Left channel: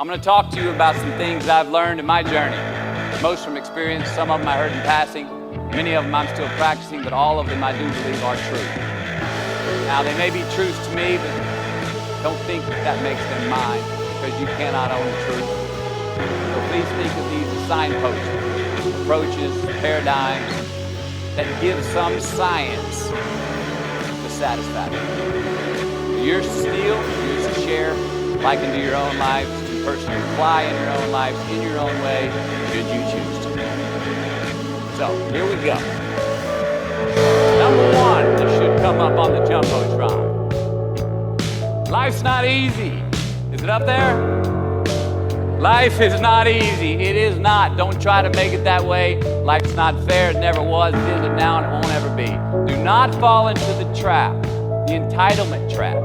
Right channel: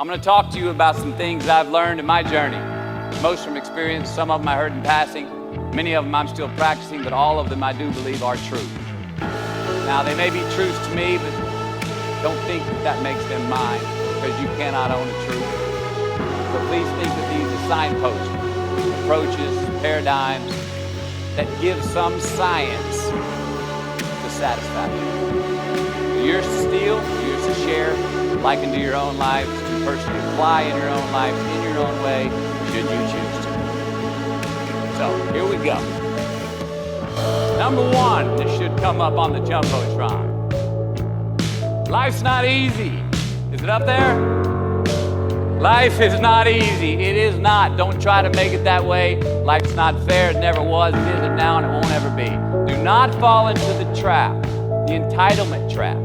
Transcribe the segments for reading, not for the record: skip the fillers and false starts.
I'm going to talk to you about some things that I've learned in my journey. Most from experience, some of them I heard in passing, many of them I'm still practicing, but all of them I do believe are true. Now, they may be truths to me, but don't think that makes them mine, because you cannot own the truth. So please think of these as signposts, approaches, paradigms that give some science to satisfaction. So yours to steal, yours to share, like into your own lives, to personally apply in your own lives, in your own way, should you choose to. So, here we go. Number one, this should come up on the Jumbotron. Life's not easy. Is it up there? Life is not easy. It is not. Don't try to make it that way. Life's not fair. It never was. It isn't now, and it won't ever be. Do not fall into the trap, the entitlement trap,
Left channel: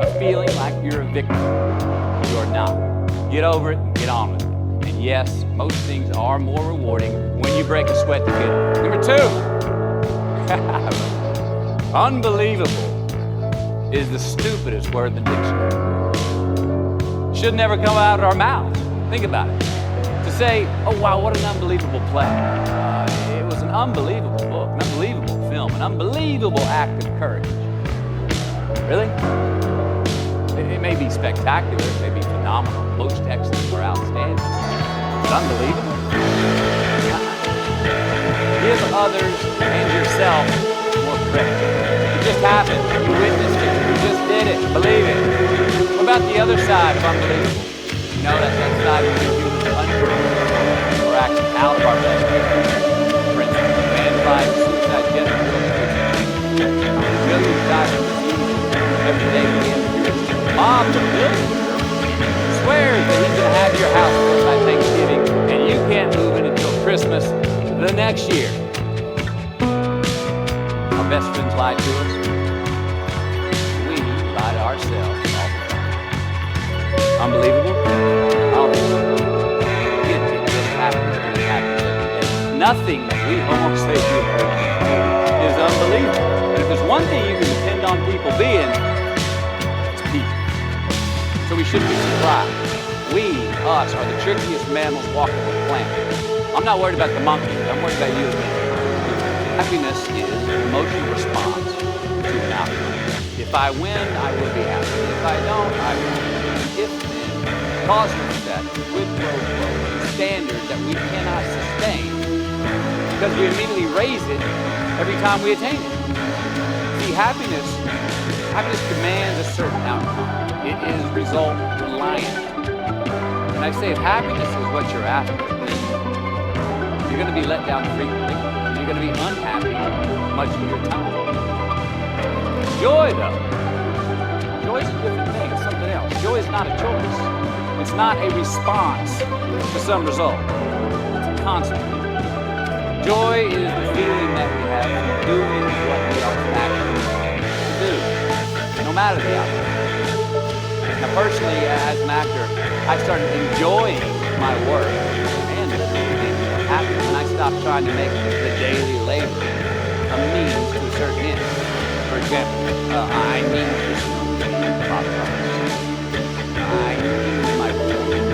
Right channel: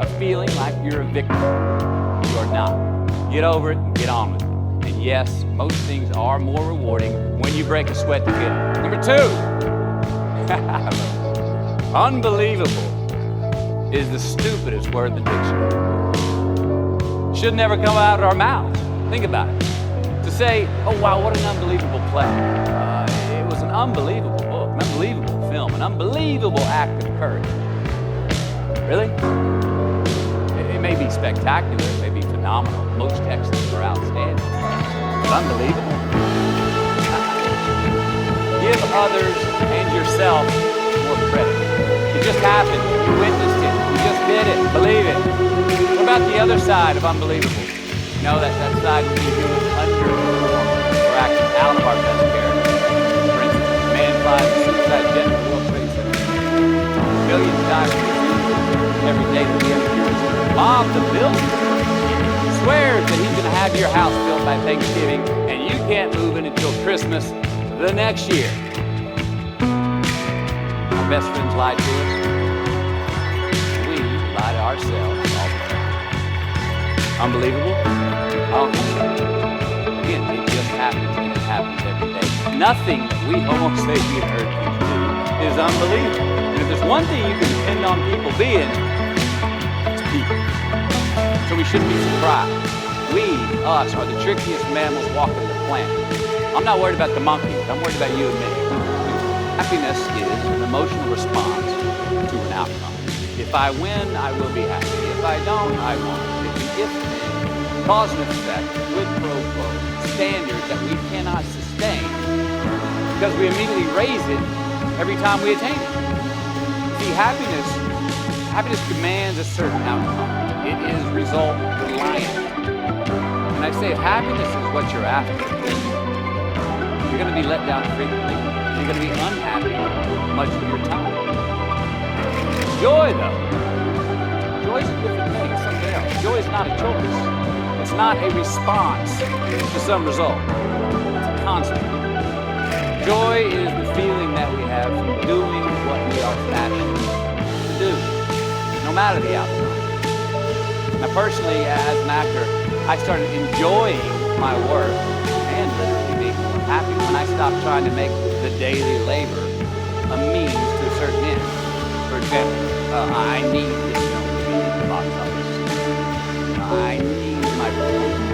of feeling like you're a victim. You are not. Get over it and get on with it. And yes, most things are more rewarding when you break a sweat to get them. Number two, unbelievable is the stupidest word in the dictionary. Should never come out of our mouths. Think about it. To say, oh wow, what an unbelievable play. It was an unbelievable book, an unbelievable film, an unbelievable act of courage. Really? It may be spectacular, it may be phenomenal. Most excellent or outstanding. But unbelievable? Give others and yourself more credit. It just happened. You witnessed it. You just did it. Believe it. What about the other side of unbelievable? You know, that side would be humans underperforming or acting out of our best character. For instance, man flies, suicide, gender, World Trade Center. Millions die from diseases every day that we have cures to. Bob the builder swears that he's going to have your house built by Thanksgiving, and you can't move in until Christmas the next year. Our best friends lie to us. We lie to ourselves all the time. Unbelievable? I don't think so. Again, it just happens, and it happens every day. Nothing that we Homo sapien Earthlings do is unbelievable. And if there's one thing you can depend on people being, it's people. So we shouldn't be surprised. We, us, are the trickiest mammals walking the planet. I'm not worried about the monkeys. I'm worried about you and me. Happiness is an emotional response to an outcome. If I win, I will be happy. If I don't, I won't. If then, cause and effect, quid pro quo, standard that we cannot sustain because we immediately raise it every time we attain it. See, happiness demands a certain outcome. It is result reliant. And I say, if happiness is what you're after, then you're going to be let down frequently. And you're going to be unhappy much of your time. Joy, though. Joy is a different thing. It's something else. Joy is not a choice. It's not a response to some result. It's a constant. Joy is the feeling that we have from doing what we are fashioned to do, no matter the outcome. Now, personally, as an actor, I started enjoying my work and literally being more happy when I stopped trying to make the daily labor a means to a certain end. For example, I need this film to be in the box office. I need my performance.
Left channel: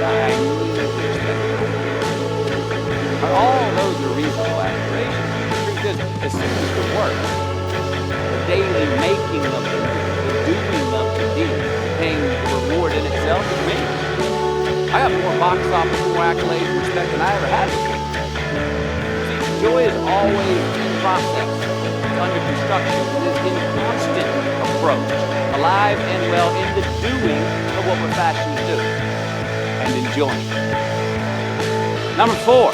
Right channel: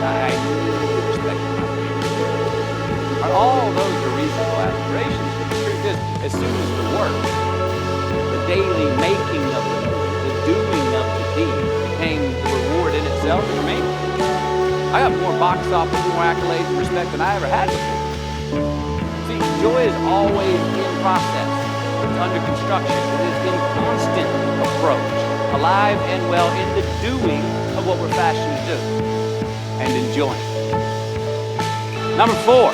I need to respect my people. All those are reasonable aspirations, but the truth is, as soon as the work, the daily making of the movie, the doing of the deed became the reward in itself for me, I got more box office, more accolades and respect than I ever had before. See, joy is always in process. It's under construction. It is in constant approach, alive and well in the doing of what we're fashioned to do and enjoying. Number 4,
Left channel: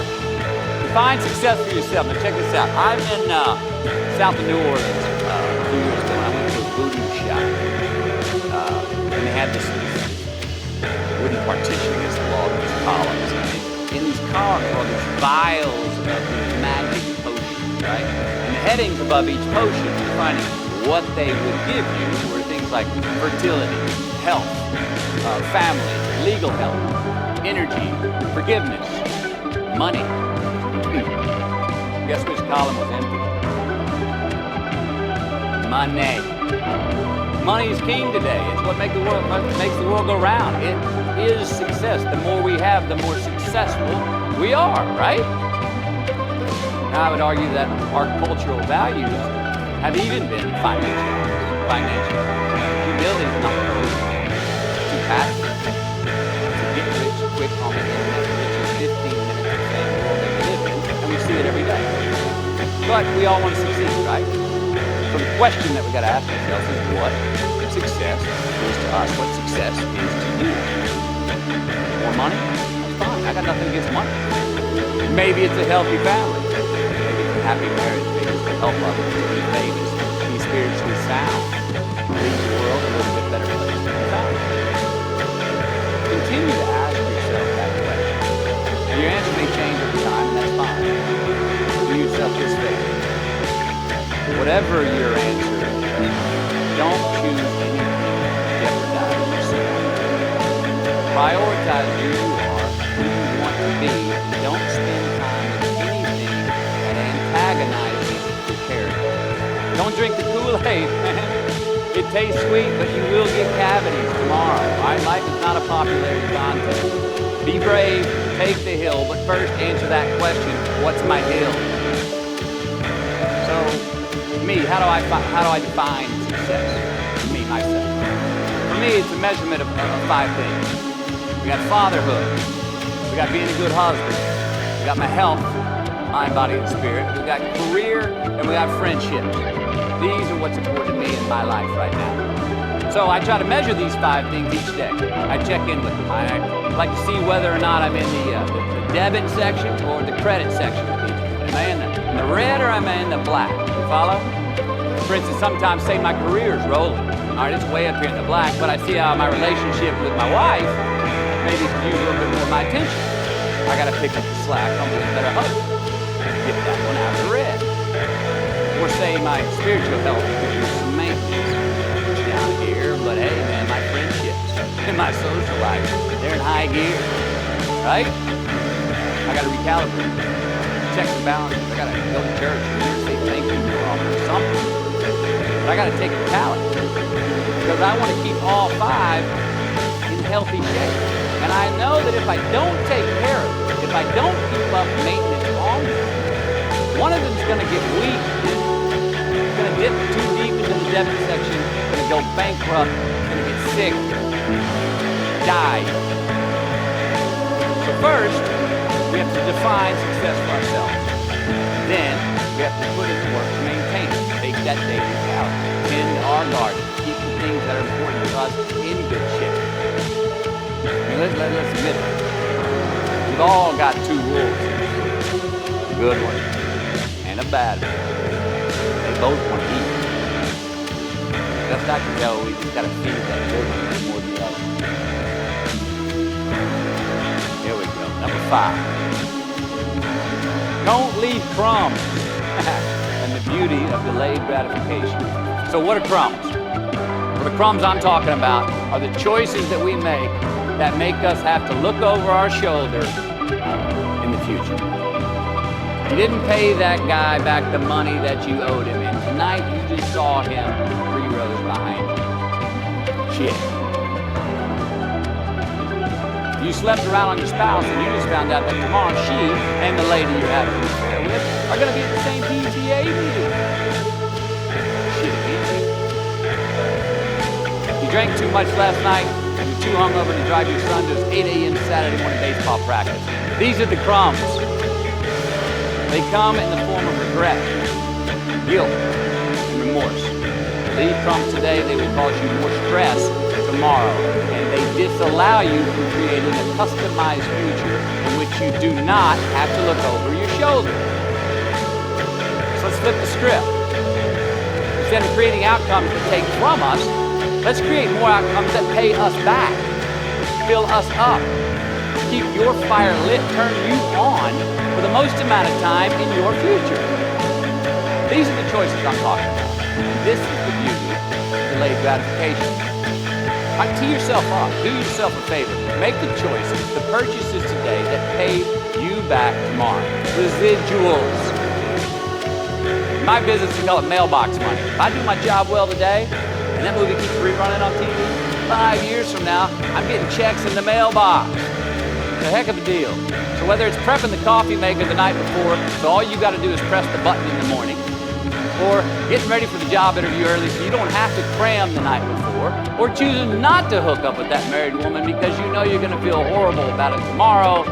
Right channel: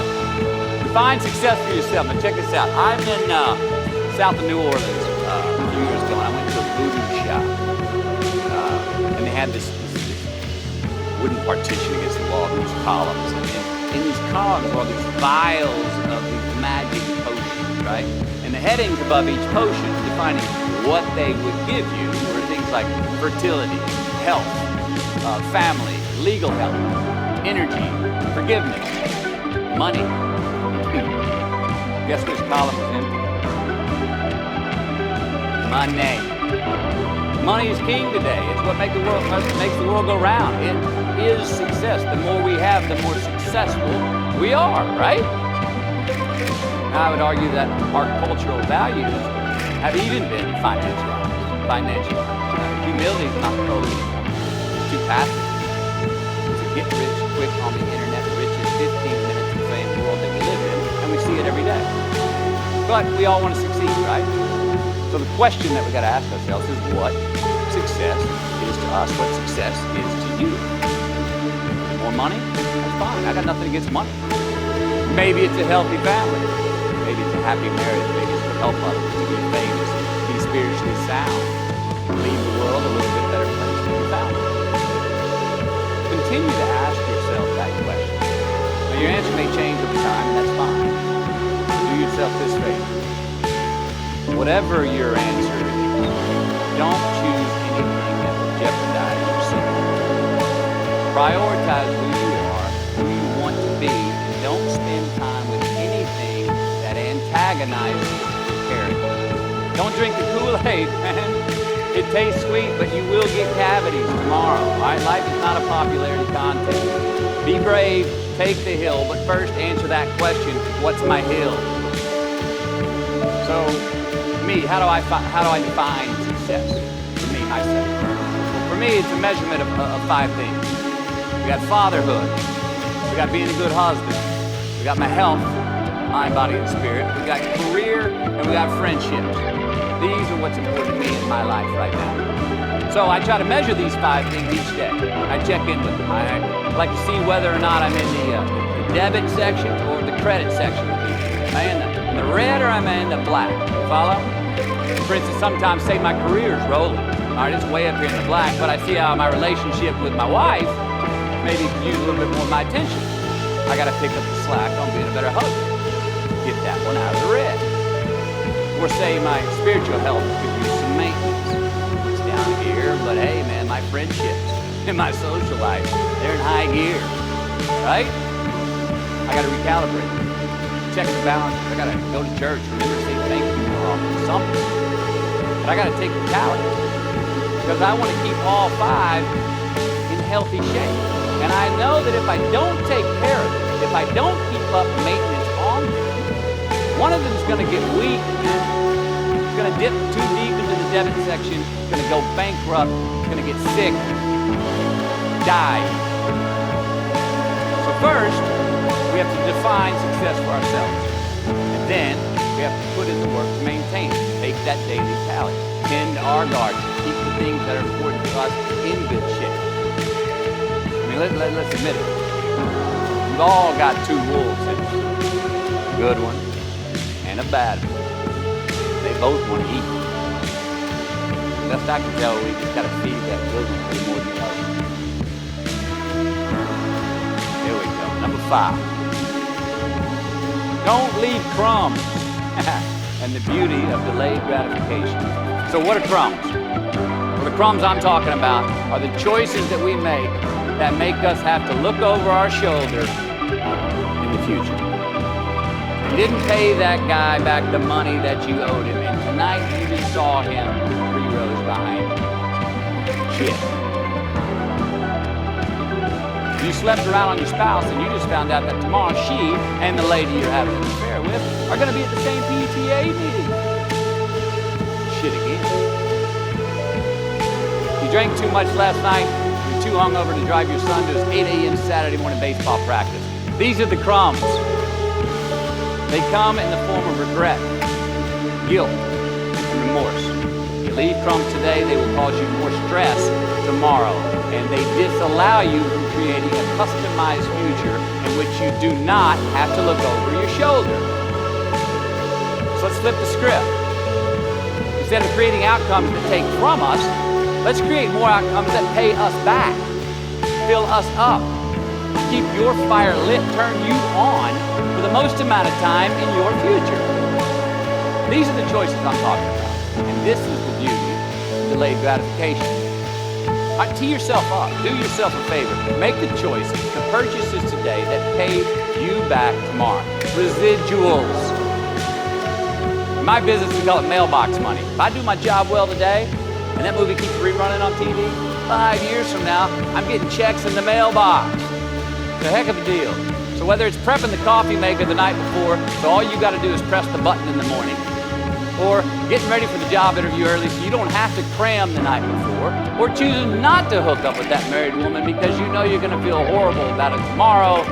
define success for yourself. Now check this out. I'm in south of New Orleans a few years ago, and I went to a voodoo shop. And they had this wooden partition against the wall, these columns. And in these columns were all these vials of these magic potions, right? And the headings above each potion defining what they would give you were things like fertility, health, family, legal help, energy, forgiveness, money. Guess which column was empty? Money. Money is king today. It's what makes the world go round. It is success. The more we have, the more successful we are, right? Now, I would argue that our cultural values have even been financialized. Humility is not the goal anymore. It's too passive. To get rich quick on the internet, the richest 15 minutes of fame world that we live in, and we see it every day. But we all want to succeed, right? So the question that we got to ask ourselves is what success is to us, what success is to you. More money? That's fine. I got nothing against money. Maybe it's a healthy family. Maybe it's a happy marriage. Maybe it's to help others, to be famous, to be spiritually sound, leave the world a little bit better place than you found it. Continue to ask yourself that question. Now your answer may change over time, and that's fine. Do yourself this favor. Whatever your answer is, don't choose anything that will jeopardize yourself. Prioritize who you are, who you want to be, and don't spend time with anything that antagonizes your character. Don't drink the Kool-Aid, man. It tastes sweet, but you will get cavities tomorrow. All right? Life is not a popularity contest. Be brave, take the hill, but first answer that question, what's my hill? So, me, how do I define success? For me, myself. Well, for me, it's a measurement of 5 things. We got fatherhood. We got being a good husband. We got my health, mind, body, and spirit. We got career, and we got friendships. These are what's important to me in my life right now. So I try to measure these 5 things each day. I check in with them. I like to see whether or not I'm in the debit section or the credit section with each one. Am I in the red or am I in the black? You follow? For instance, sometimes say my career's rolling. All right, it's way up here in the black, but I see how my relationship with my wife maybe could use a little bit more of my attention. I got to pick up the slack on being a better husband. Get that one out of the red. Or say my spiritual health could use some maintenance. It's down here, but hey man, my friendships and my social life, they're in high gear, right? I gotta recalibrate, check the balances. I gotta go to church, remember to say thank you more often, something. But I gotta take the talent because I wanna keep all 5 in healthy shape. And I know that if I don't take care of it, if I don't keep up maintenance on them, one of them's gonna get weak and it's gonna dip too deep into the debit section, it's gonna go bankrupt, it's gonna get sick, die. So first, we have to define success for ourselves. Then, we have to put in the work to maintain it. Take that daily talent, tend our garden, keep the things that are important to us in good shape. I mean, let's admit it. We've all got 2 wolves in us. A good one and a bad one. They both want to eat. Best I can tell, we just got to feed that good one a little more than the other. Here we go. Number 5. Don't leave crumbs. And the beauty of delayed gratification. So what are crumbs? Well, the crumbs I'm talking about are the choices that we make that make us have to look over our shoulder in the future. You didn't pay that guy back the money that you owed him, and tonight you just saw him 3 rows behind you. Shit. You slept around on your spouse, and you just found out that tomorrow she and the lady you're having an affair with are going to be at the same PTA meeting. Shit again. You drank too much last night, and you're too hungover to drive your son to his 8 a.m. Saturday morning baseball practice. These are the crumbs. They come in the form of regret, guilt, and remorse. You leave crumbs today, they will cause you more stress tomorrow, and they disallow you from creating a customized future in which you do not have to look over your shoulder. So let's flip the script. Instead of creating outcomes that take from us, let's create more outcomes that pay us back, fill us up, keep your fire lit, turn you on for the most amount of time in your future. These are the choices I'm talking about. And this is the beauty of delayed gratification. All right, tee yourself up. Do yourself a favor. Make the choices, the purchases today that pay you back tomorrow. Residuals. In my business, we call it mailbox money. If I do my job well today, and that movie keeps rerunning on TV, 5 years from now, I'm getting checks in the mailbox. It's a heck of a deal. So whether it's prepping the coffee maker the night before, so all you got to do is press the button in the morning, or getting ready for the job interview early so you don't have to cram the night before, or choosing not to hook up with that married woman because you know you're going to feel horrible about it tomorrow,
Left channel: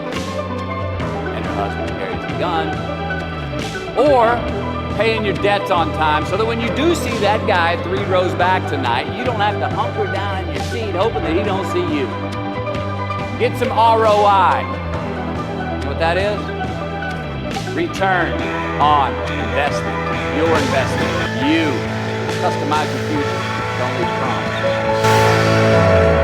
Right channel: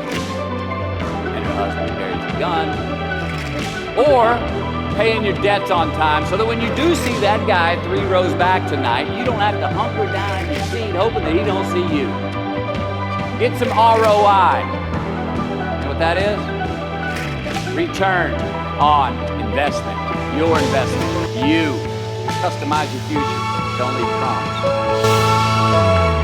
and her husband carries a gun, or paying your debts on time so that when you do see that guy 3 rows back tonight, you don't have to hunker down in your seat hoping that he don't see you. Get some ROI. You know what that is? Return on investment. Your investment. You. Customize your future. Don't leave a promise.